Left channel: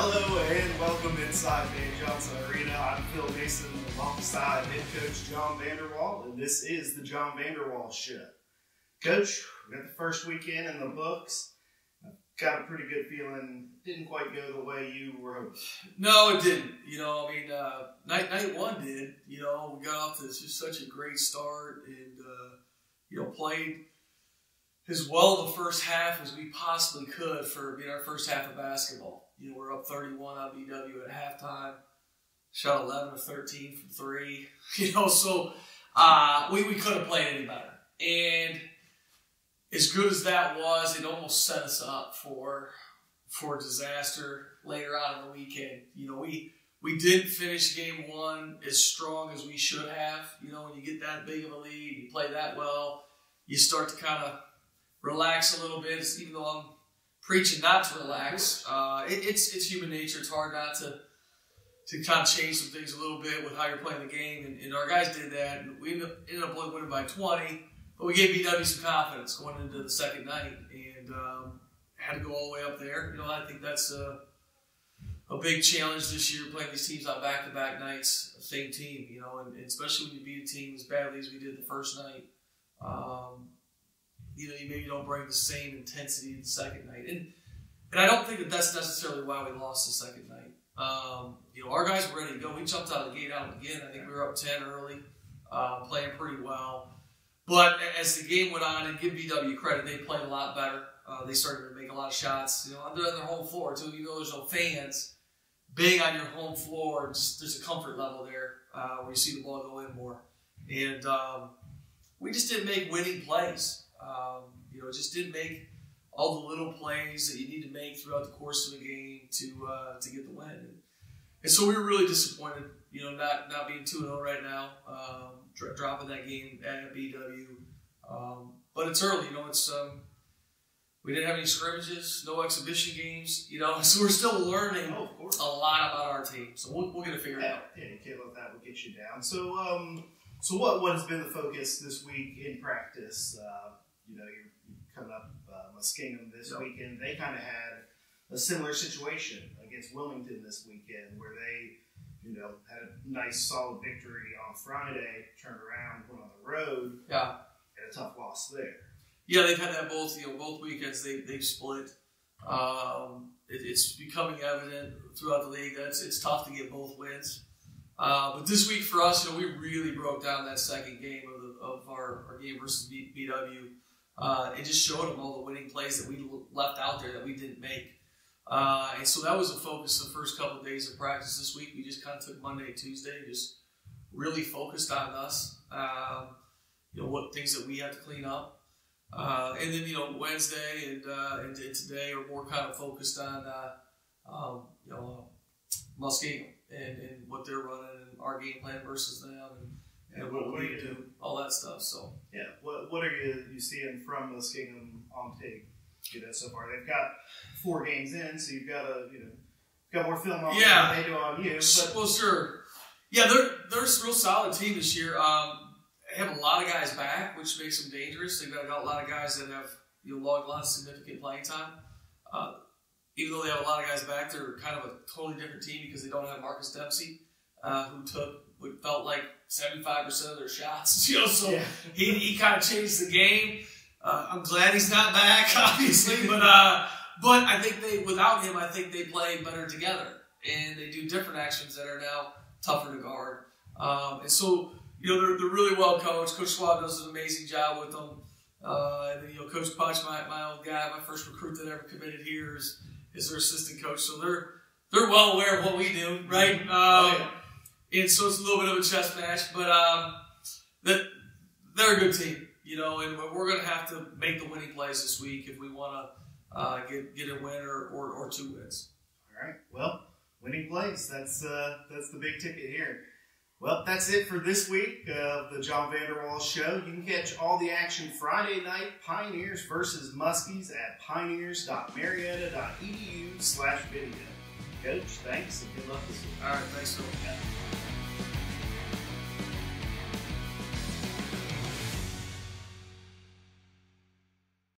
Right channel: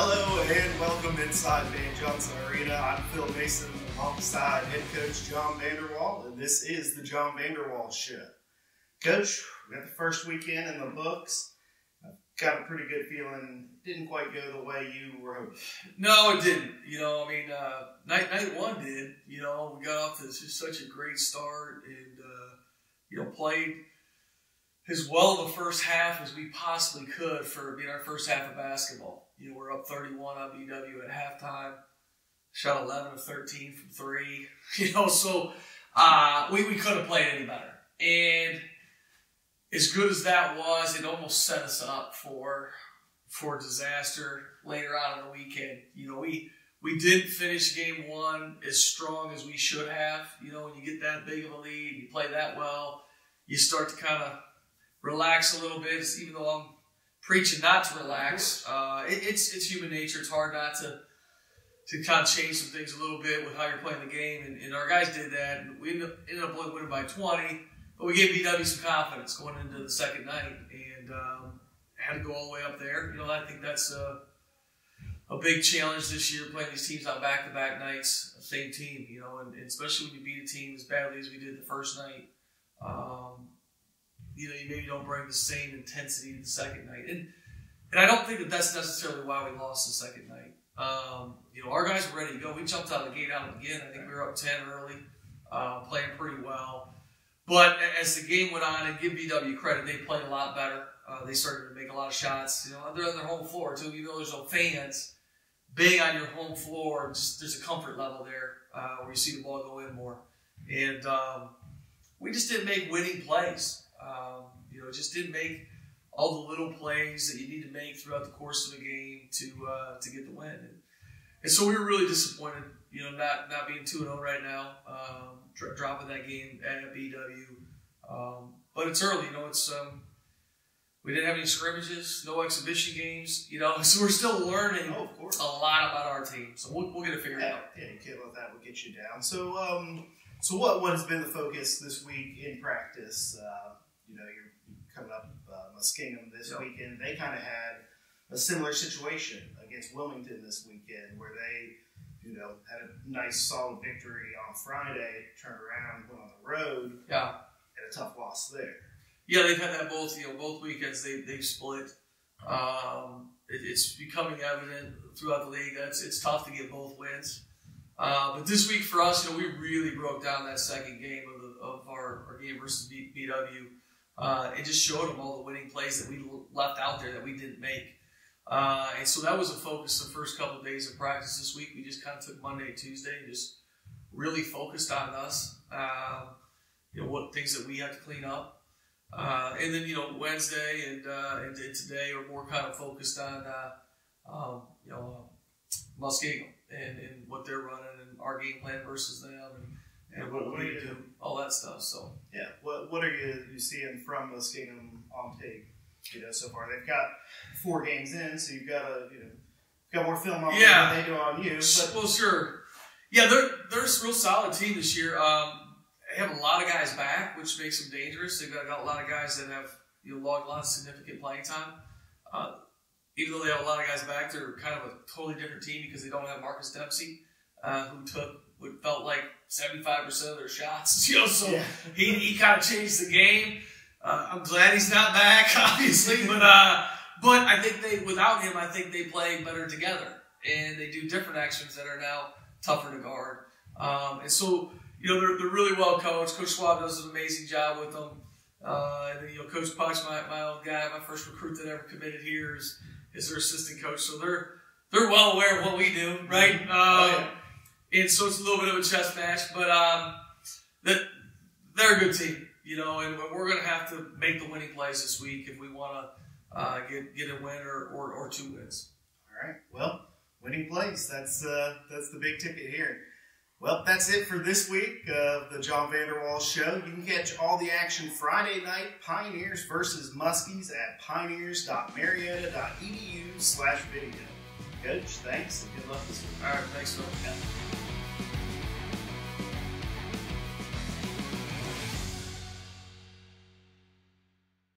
Hello and welcome inside Van Johnson Arena. I'm Phil Mason alongside head coach John VanderWal, and this is the John VanderWal Show. Coach, we got the first weekend in the books. I've got a pretty good feeling it didn't quite go the way you were hoping. No, it didn't. Night one did. We got off to just such a great start and, played as well in the first half as we possibly could for being our first half of basketball. We're up 31 on BW at halftime. Shot 11 of 13 from three. So we couldn't have played any better. And as good as that was, it almost set us up for disaster later on in the weekend. We didn't finish game one as strong as we should have. When you get that big of a lead, you play that well, you start to kind of relax a little bit, even though I'm preaching not to relax. It's human nature. It's hard not to kind of change some things a little bit with how you're playing the game. And our guys did that. And we ended up winning by 20. But we gave BW some confidence going into the second night. And had to go all the way up there. I think that's a big challenge this year, playing these teams on back-to-back nights, same team, and especially when you beat a team as badly as we did the first night. You maybe don't bring the same intensity to the second night. And I don't think that that's necessarily why we lost the second night. Our guys were ready to go. We jumped out of the gate out again. I think we were up 10 early, playing pretty well. But as the game went on, and give BW credit, they played a lot better. They started to make a lot of shots. They're on their home floor, too. Even though there's no fans, being on your home floor, there's a comfort level there where you see the ball go in more. And we just didn't make winning plays. Just didn't make all the little plays that you need to make throughout the course of the game to get the win. And so we were really disappointed, not being 2-0 right now, dropping that game at BW. But it's early, we didn't have any scrimmages, no exhibition games, so we're still learning a lot about our team. So we'll get it figured out. Yeah, you can't let that get you down. So what has been the focus this week in practice? You're coming up Muskingum this weekend. They kind of had a similar situation against Wilmington this weekend, where they, had a nice solid victory on Friday, turned around, went on the road, and a tough loss there. Yeah, they've had that both weekends. They've split. It's becoming evident throughout the league that it's tough to get both wins. But this week for us, we really broke down that second game of our game versus BW. It just showed them all the winning plays that we left out there that we didn't make. And so that was a focus the first couple of days of practice this week. We just kind of took Monday, Tuesday, and just really focused on us. What things that we had to clean up. And then, Wednesday and today are more kind of focused on, Muskingum and what they're running and our game plan versus them and what we need to do, all that stuff. So yeah, what are you seeing from Muskingum on tape? So far they've got 4 games in, so you've got more film on than they do on you. But well, sure, yeah, they're a real solid team this year. They have a lot of guys back, which makes them dangerous. They've got a lot of guys that have logged a lot of significant playing time. Even though they have a lot of guys back, they're kind of a totally different team because they don't have Marcus Dempsey, who took what felt like 75% of their shots. So he kind of changed the game. I'm glad he's not back, obviously, but I think without him, I think they play better together, and they do different actions that are now tougher to guard. And so they're really well coached. Coach Schwab does an amazing job with them. And then Coach Puch, my old guy, my first recruit that ever committed here, is their assistant coach. So they're well aware of what we do, right? And so it's a little bit of a chess match, but they're a good team, and we're going to have to make the winning plays this week if we want to get a win or 2 wins. All right. Well, winning plays, that's the big ticket here. Well, that's it for this week of the John VanderWal Show. You can catch all the action Friday night, Pioneers versus Muskies, at pioneers.marietta.edu/video. Coach, thanks, and good luck this week. All right, thanks, Phil.